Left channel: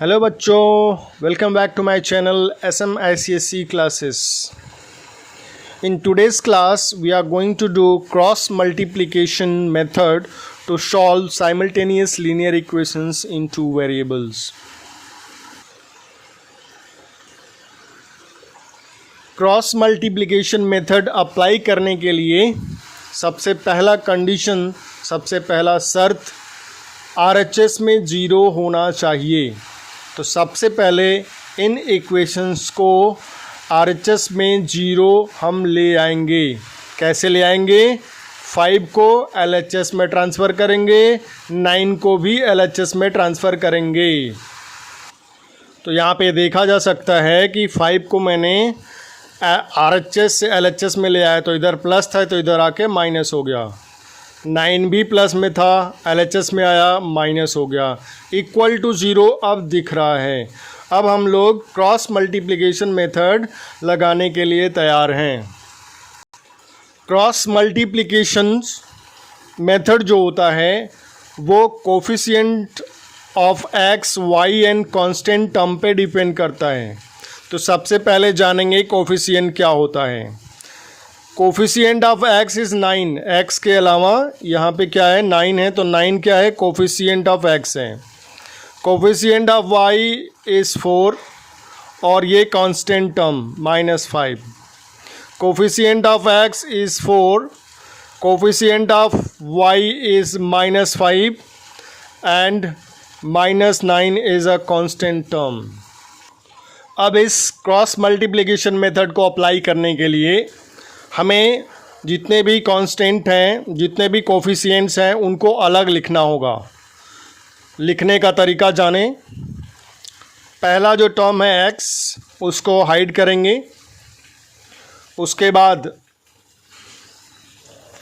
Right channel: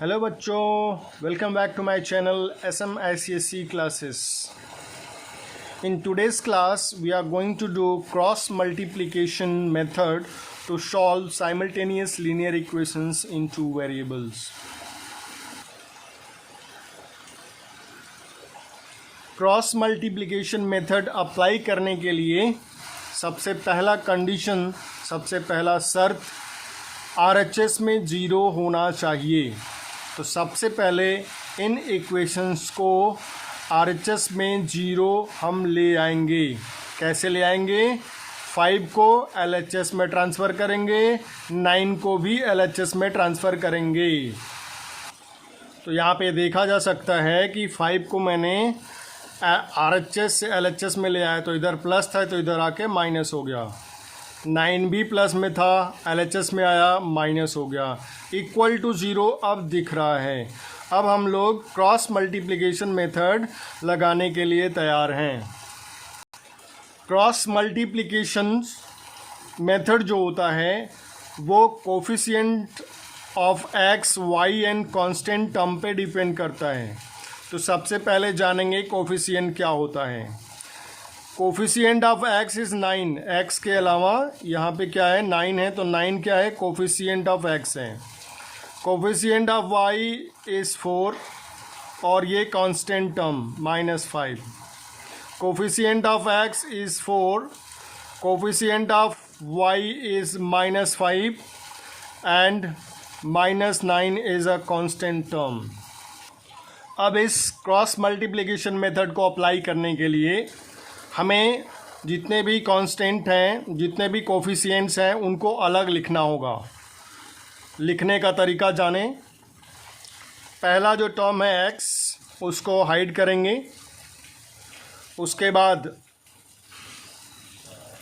Hello बच्चों, welcome back to my channel SM ICSE classes. In today's class, we are going to do cross multiplication method to solve simultaneous linear equations in two variables. Cross multiplication method apply करने के लिए सबसे पहला condition, सबसे पहला शर्त RHS में 0 होना चाहिए. तो सबसे पहले इन इक्वेशंस को RHS में 0 हम ले आएंगे. कैसे ले आएंगे? 5 को LHS में ट्रांसफ़र करेंगे, 9 को भी LHS में ट्रांसफ़र करेंगे. तो यहाँ पे देखा जा सकता है कि 5 को मैंने RHS से LHS में ले आया तो इधर प्लस था तो इधर आके माइनस हो गया. 9 भी प्लस में था, LHS में आया माइनस हो गया. इक्वल टू 0 अब दिख रहा है. अब हम लोग क्रॉस मल्टीप्लिकेशन मेथड लगाने के लिए तैयार हैं. क्रॉस मल्टीप्लिकेशन मेथड जो होता है वो coefficient of x, y and constant term पे डिपेंड करता है. तो सबसे पहले जानेंगे कोफिशिएंट क्या होता है. Coefficient of x is 9. x के अलावा यहाँ पे क्या है? 9 है. तो 9 क्या है? कोफिशिएंट ऑफ x है. कोफिशिएंट ऑफ y इज़ 4 और ये constant term -5. Coefficient of x is 4, coefficient of y is -5 and -9 is a constant term. अब इस क्रॉस मल्टीप्लिकेशन मेथड को अप्लाई करने के लिए हमें जितने भी कांस्टेंट हैं, जितने भी कोफिशिएंट्स हैं, उनको अलग लिखना होगा. लिखने का तरीका जाने. पहला जो टर्म है x, उसको हाइड करेंगे. उसके बाद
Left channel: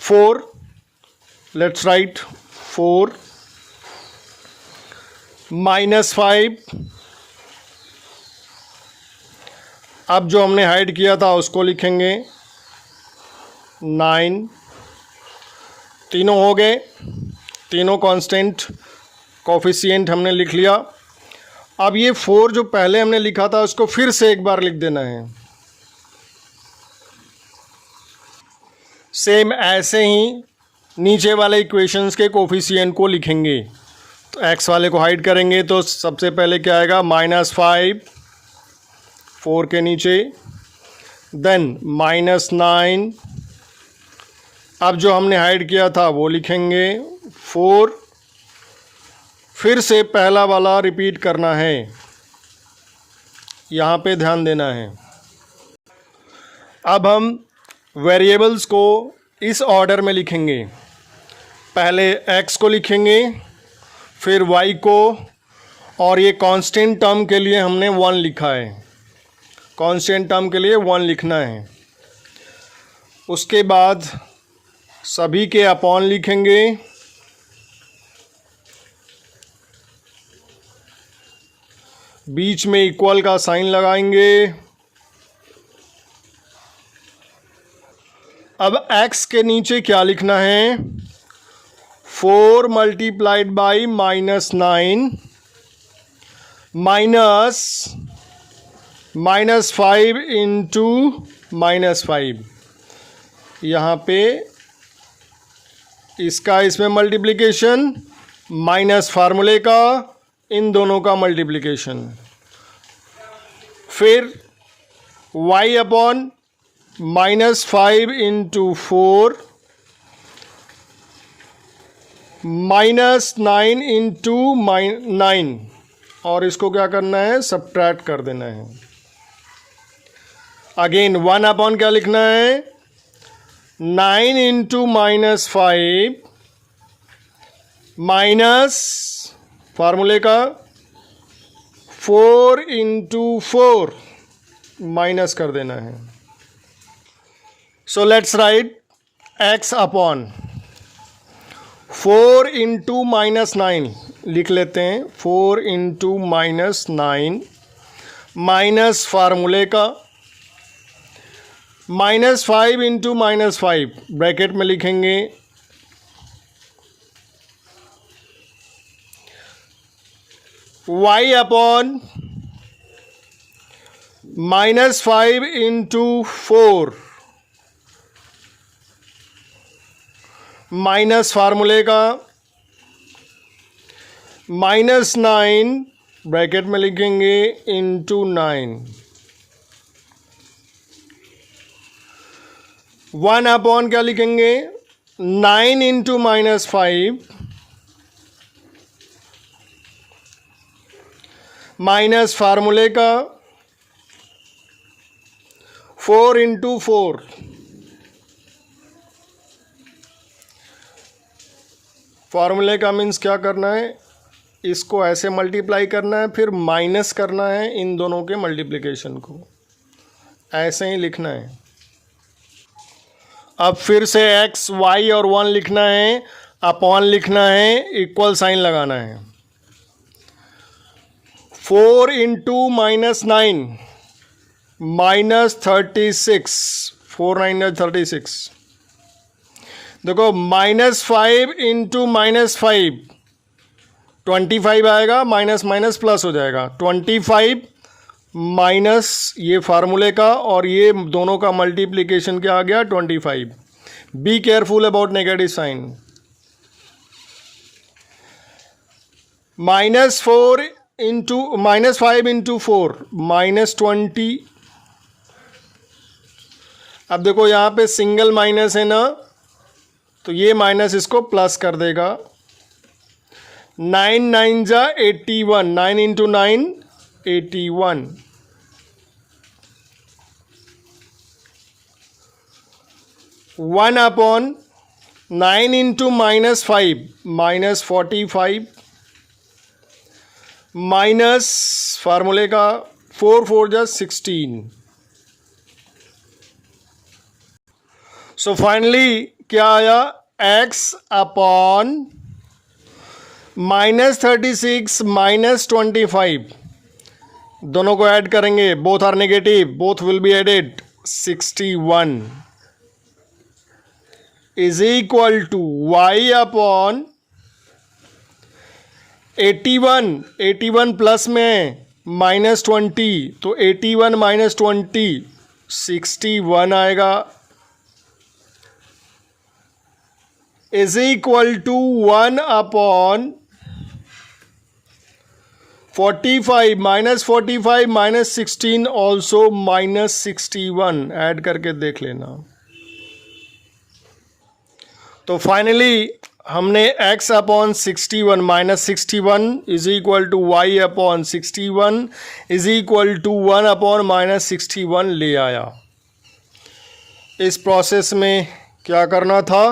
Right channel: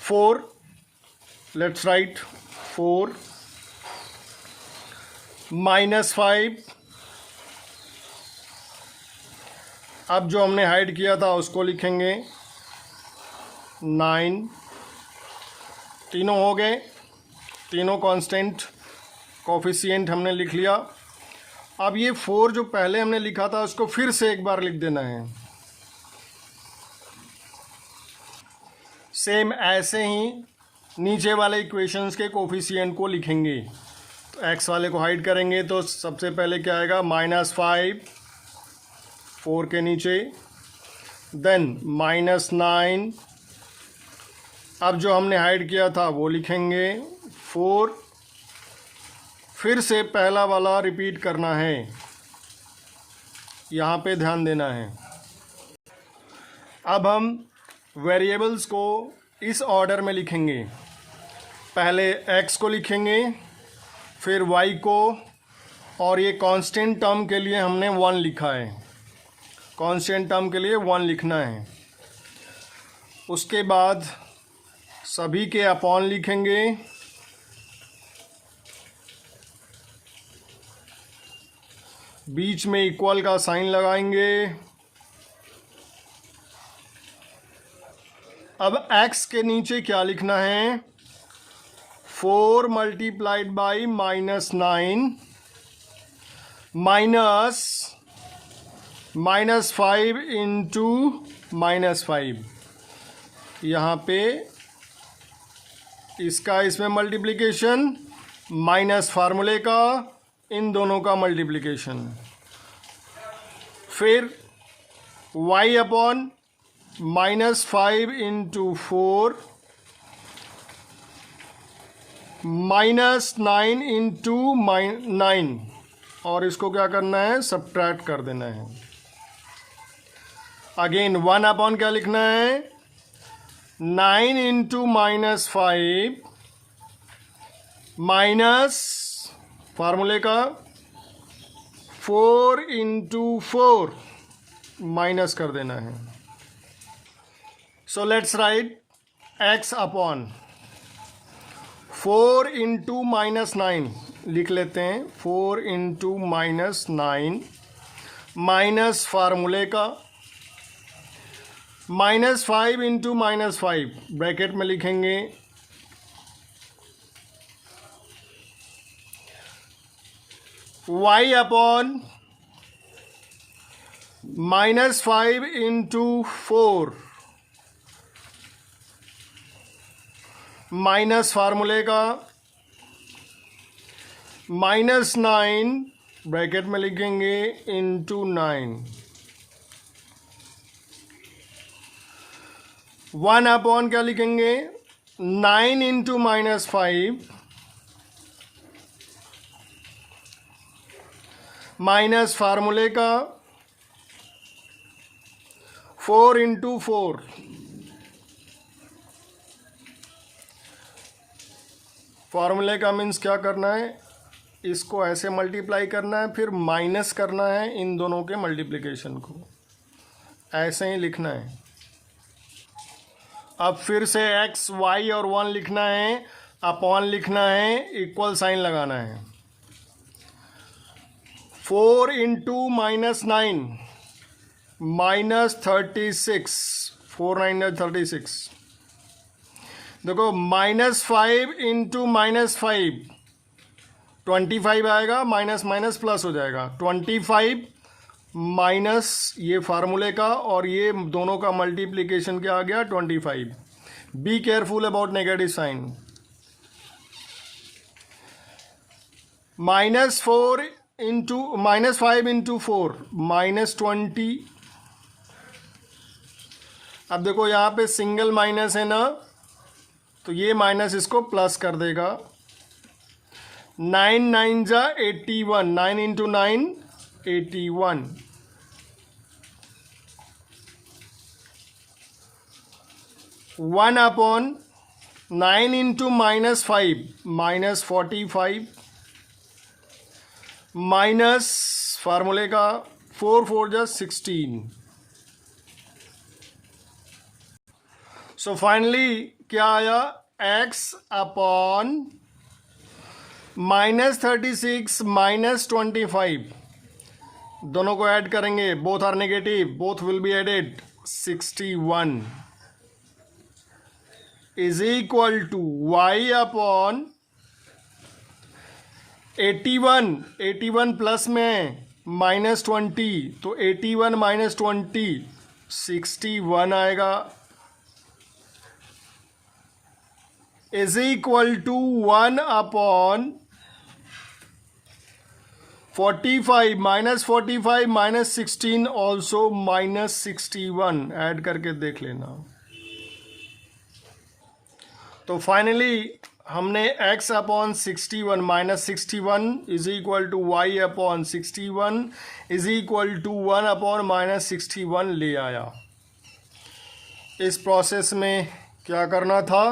4, लेट्स राइट 4 -5. अब जो हमने हाइड किया था उसको लिखेंगे 9. तीनों हो गए, तीनों कांस्टेंट कोफिशिएंट हमने लिख लिया. अब ये 4 जो पहले हमने लिखा था उसको फिर से एक बार लिख देना है. सेम ऐसे ही नीचे वाले इक्वेशंस के कोफिशिएंट को लिखेंगे. तो x वाले को हाइड करेंगे तो सबसे पहले क्या आएगा? -5 4 के नीचे, देन -9. अब जो हमने हाइड किया था वो लिखेंगे 4. फिर से पहला वाला रिपीट करना है. यहाँ पे ध्यान देना है. अब हम वेरिएबल्स को इस ऑर्डर में लिखेंगे. पहले x को लिखेंगे, फिर y को, और ये कांस्टेंट टर्म के लिए हमने 1 लिखा है. कांस्टेंट टर्म के लिए 1 लिखना है. उसके बाद सभी के अपॉन लिखेंगे. बीच में इक्वल का साइन लगाएंगे. अब x के नीचे क्या लिखना है? 4 मल्टीप्लाइड बाई -9 -5 इंटू -5. यहाँ पे इसका इसमें मल्टीप्लिकेशन माइनस फार्मूले का इन दोनों का मल्टीप्लिकेशन. फिर y अपॉन -5 इंटू 4 -9 इंटू 9, और इसको क्या करना है? सब्ट्रैक्ट कर देना है. अगेन 1 अपॉन क्या लिखना है? 9 इंटू -5 माइनस फार्मूले का 4 इंटू 4, माइनस कर देना है. So let's write x upon 4 into -9 लिख लेते हैं. 4 इंटू -9 माइनस फार्मूले का -5 इंटू -5 ब्रैकेट में लिखेंगे. y अपॉन -5 इंटू 4 माइनस फार्मूले का -9 ब्रैकेट में लिखेंगे इंटू 9 1 अपॉन क्या लिखेंगे 9 इंटू -5 माइनस फार्मूले का 4 इंटू 4 फार्मूले का मीन्स क्या करना है, इसको ऐसे मल्टीप्लाई करना है, फिर माइनस करना है इन दोनों के मल्टीप्लिकेशन को, ऐसे ही लिखना है। अब फिर से x, y और 1 लिखना है, अपॉन लिखना है, इक्वल साइन लगाना है। 4 इंटू -9 -36 4 9 36। देखो -5 इंटू -5 25 आएगा, माइनस माइनस प्लस हो जाएगा। 25 माइनस ये फार्मूले का और ये दोनों का मल्टीप्लिकेशन क्या आ गया 25। Be careful about negative sign. -4 into -5 into 4 -20। अब देखो यहाँ पे सिंगल माइनस है ना, तो ये माइनस इसको प्लस कर देगा। 9 9 जा 81, 9 into 9 81। One upon 9 into -5 -45 minus फार्मूले का 4 4 जा 16। सो फाइनली क्या आया x अपॉन -36 -25, दोनों को ऐड करेंगे, both are negative, both will be added. 61 is equal to y upon 81 plus में -20, तो 81 -20 61 आएगा, is equal to 1 upon 45 -45 -16 also -61, add करके देख लेना। तो फाइनली हमने x upon 61 -61 is equal to y upon 61 is equal to 1 upon -61 ले आया। इस प्रोसेस में क्या करना था,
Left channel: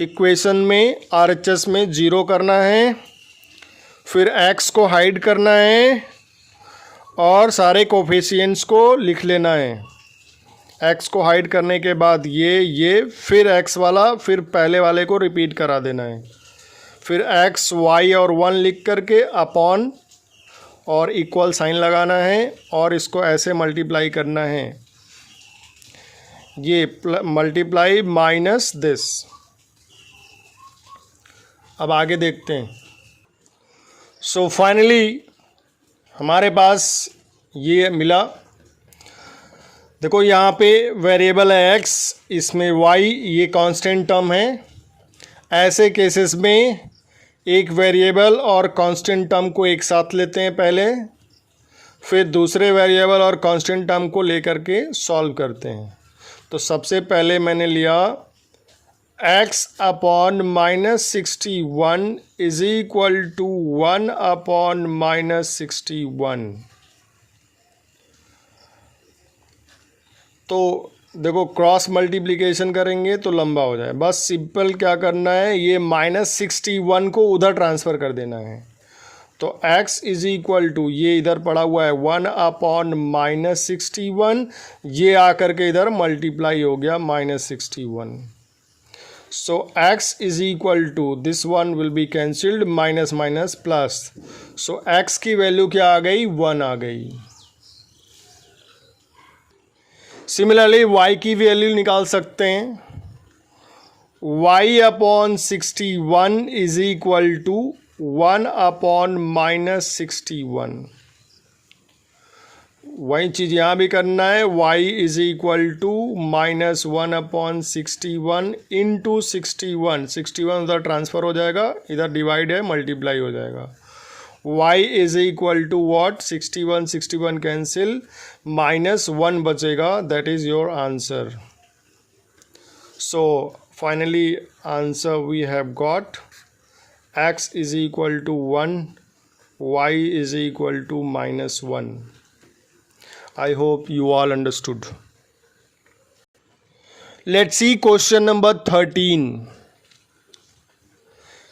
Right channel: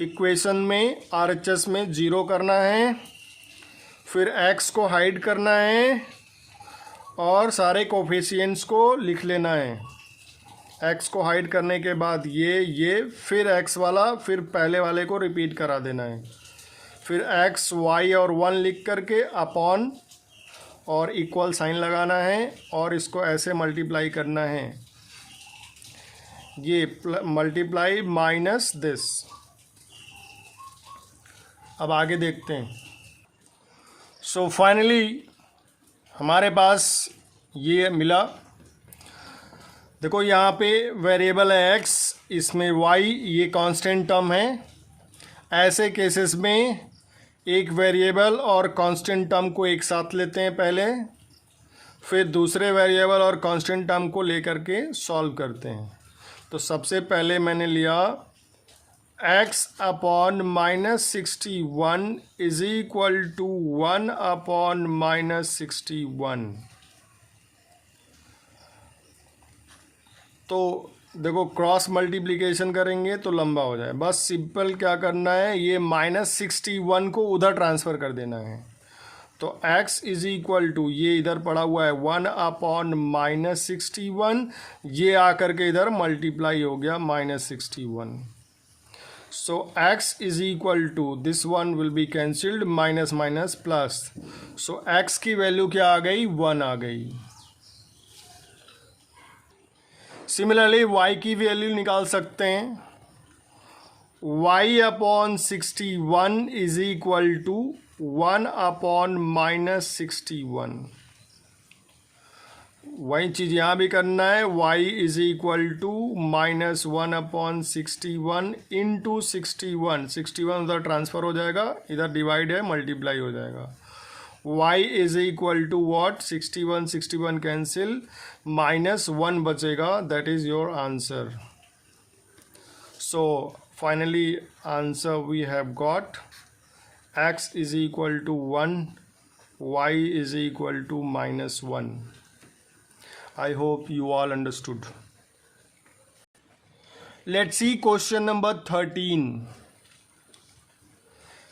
इक्वेशन में RHS में 0 करना है, फिर x को हाइड करना है और सारे कोफिशिएंट्स को लिख लेना है। x को हाइड करने के बाद ये फिर x वाला, फिर पहले वाले को रिपीट करा देना है, फिर x, y और 1 लिख करके अपॉन और इक्वल साइन लगाना है और इसको ऐसे मल्टीप्लाई करना है, ये मल्टीप्लाई माइनस दिस। अब आगे देखते हैं। सो फाइनली हमारे पास ये मिला। देखो यहाँ पे वेरिएबल है x, इसमें y, ये कांस्टेंट टर्म है। ऐसे केसेस में एक वेरिएबल और कांस्टेंट टर्म को एक साथ लेते हैं पहले, फिर दूसरे वेरिएबल और कांस्टेंट टर्म को लेकर के सॉल्व करते हैं। तो सबसे पहले मैंने लिया x upon -61 is equal to 1 upon -61। तो देखो क्रॉस मल्टीप्लिकेशन करेंगे तो लंबा हो जाए, बस सिंपल क्या करना है, ये -61 को उधर ट्रांसफ़र कर देना है। तो x इज इक्वल टू, ये इधर पड़ा हुआ है 1 अपॉन -61, ये आकर के इधर मल्टीप्लाई हो गया -61। So x is equal to, this one will be cancelled, minus minus plus, so x की वैल्यू क्या आ गई 1 आ गई। सिमिलरली y की वैल्यू निकाल सकते हैं। y upon 61 is equal to 1/-61। वही चीज़ यहाँ भी करना है, y is equal to -1/61 into 61। 61 उधर ट्रांसफ़र हो जाएगा, इधर डिवाइड है, मल्टीप्लाई हो जाएगा। y is equal to what, 61 cancel, -1 बचेगा, that is your answer. So finally answer we have got x is equal to 1, y is equal to -1. I hope you all understood. Let's see question number 13.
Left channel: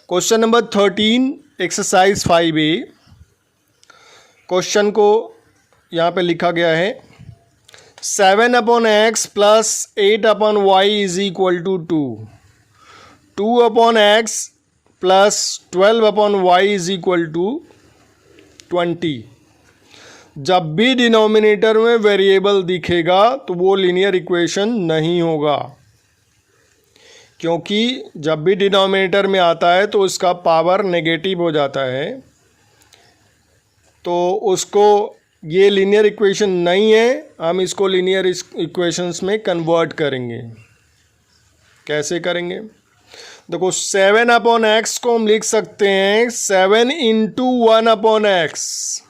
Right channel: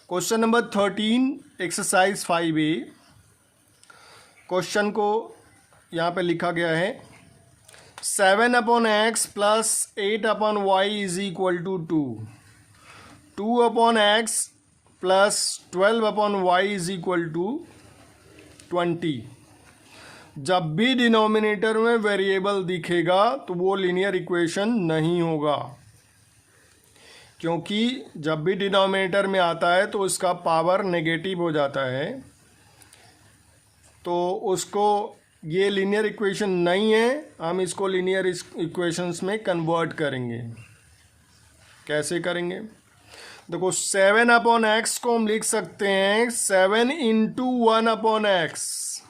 Question number 13 exercise 5A. Question को यहाँ पे लिखा गया है 7/x plus 8/y is equal to 2. 2/x plus 12/y is equal to 20. जब भी denominator में variable दिखेगा तो वो लीनियर इक्वेशन नहीं होगा, क्योंकि जब भी डिनोमिनेटर में आता है तो उसका पावर नेगेटिव हो जाता है, तो उसको ये लीनियर इक्वेशन नहीं है, हम इसको लीनियर इक्वेशंस में कन्वर्ट करेंगे। कैसे करेंगे? देखो 7/x को हम लिख सकते हैं 7 इंटू 1/x।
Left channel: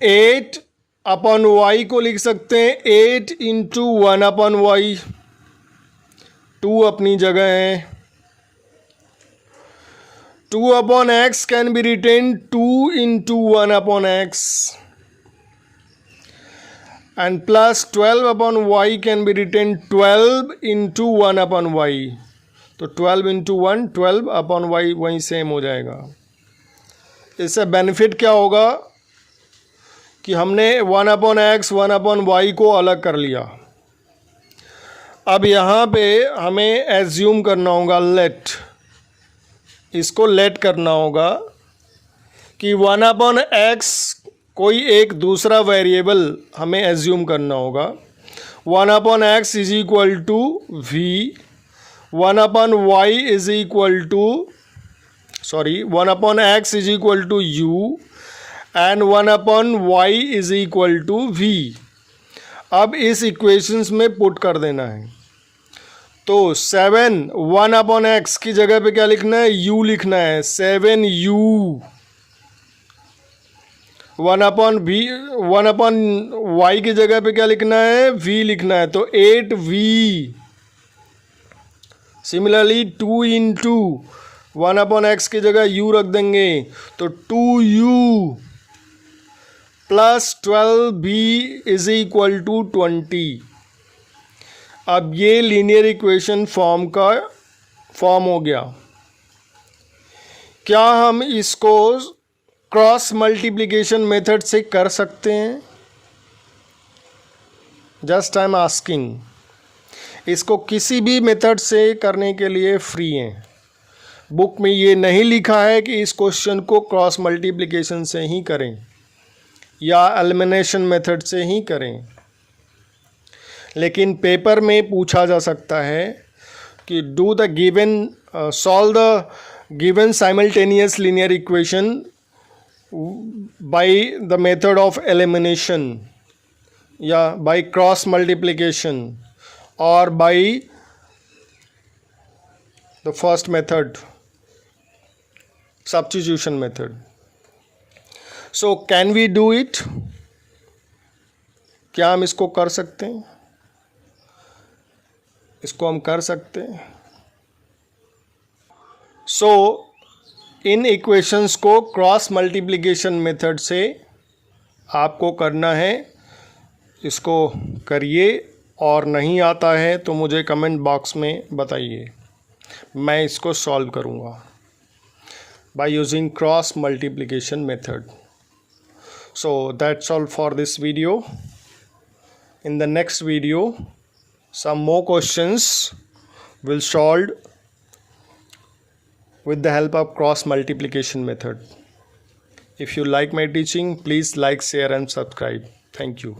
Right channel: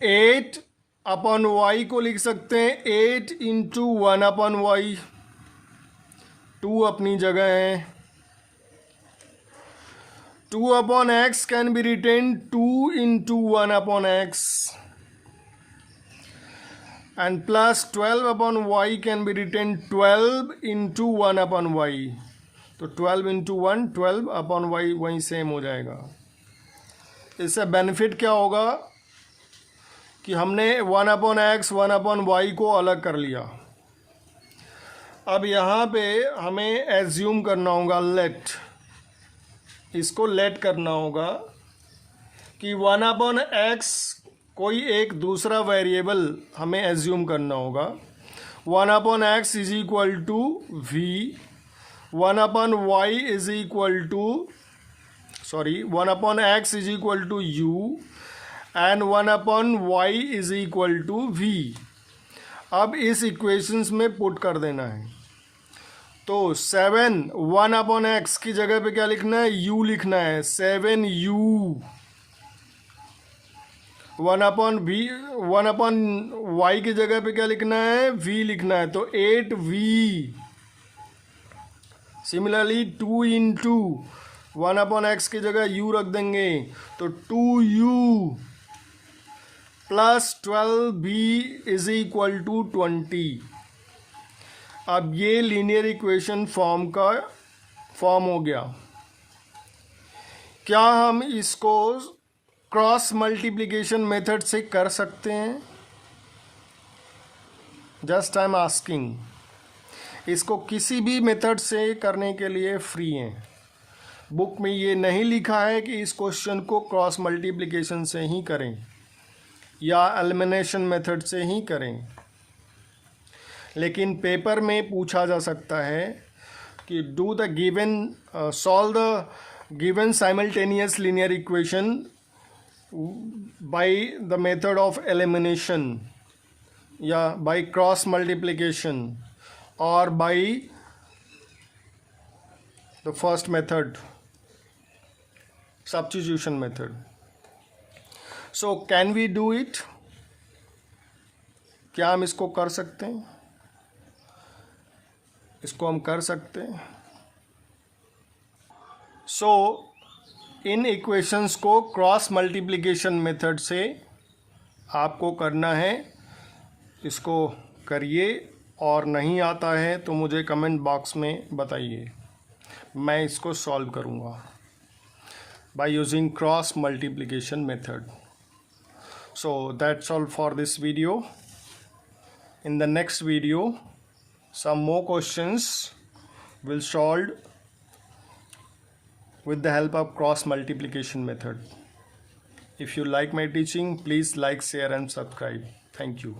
8/y को लिख सकते हैं 8 इंटू 1/y। 2 अपनी जगह है। 2/x can be written 2 into 1/x and plus 12/y can be written 12 into 1/y। तो 12 इंटू 1 12/y वहीं सेम हो जाएगा। इससे बेनिफिट क्या होगा कि हमने 1/x 1/y को अलग कर लिया। अब यहाँ पे हमें एज्यूम करना होगा, इसको लेट करना होगा कि 1/x कोई एक दूसरा वेरिएबल हमें एज्यूम करना होगा। 1/x is equal to v, 1/y is equal to 1/x is equal to u and 1/y is equal to v। अब इस इक्वेशंस में पुट कर देना है। तो 1/x की जगह पे क्या लिखना है? u लिखना है। 7u 1/y की जगह पे क्या लिखना है? v लिखना है। तो 8v। सिमिलरली 2 इंटू 1/x की जगह u रख देंगे तो 2u plus 12v is equal to 20। अब ये लीनियर इक्वेशन फॉर्म हो गया। क्या हम इसको क्रॉस मल्टीप्लिकेशन मेथड से कर सकते हैं? Just I am asking. इसको किसी भी मेथड से करने के लिए फ्री हैं। बुक में ये नहीं लिखा है कि इस क्वेश्चन को क्रॉस मल्टीप्लिकेशन से ही करें या एलिमिनेशन मेथड से ही करें, लेकिन पेपर में पूछा जा सकता है कि do the given solve the given simultaneous linear equation by the method of elimination, by cross multiplication, or by the first method, substitution method. So can we do it? क्या हम इसको कर सकते हैं? इसको हम कर सकते हैं। So इन इक्वेशंस को क्रॉस मल्टीप्लिकेशन मेथड से आपको करना है। इसको करिए, और नहीं आता है तो मुझे कमेंट बॉक्स में बताइए, मैं इसको सॉल्व करूँगा by using cross multiplication method. So that's all for this video. In the next video some more questions will solve with the help of cross multiplication method. If you like my teaching, please like, share and subscribe. Thank you.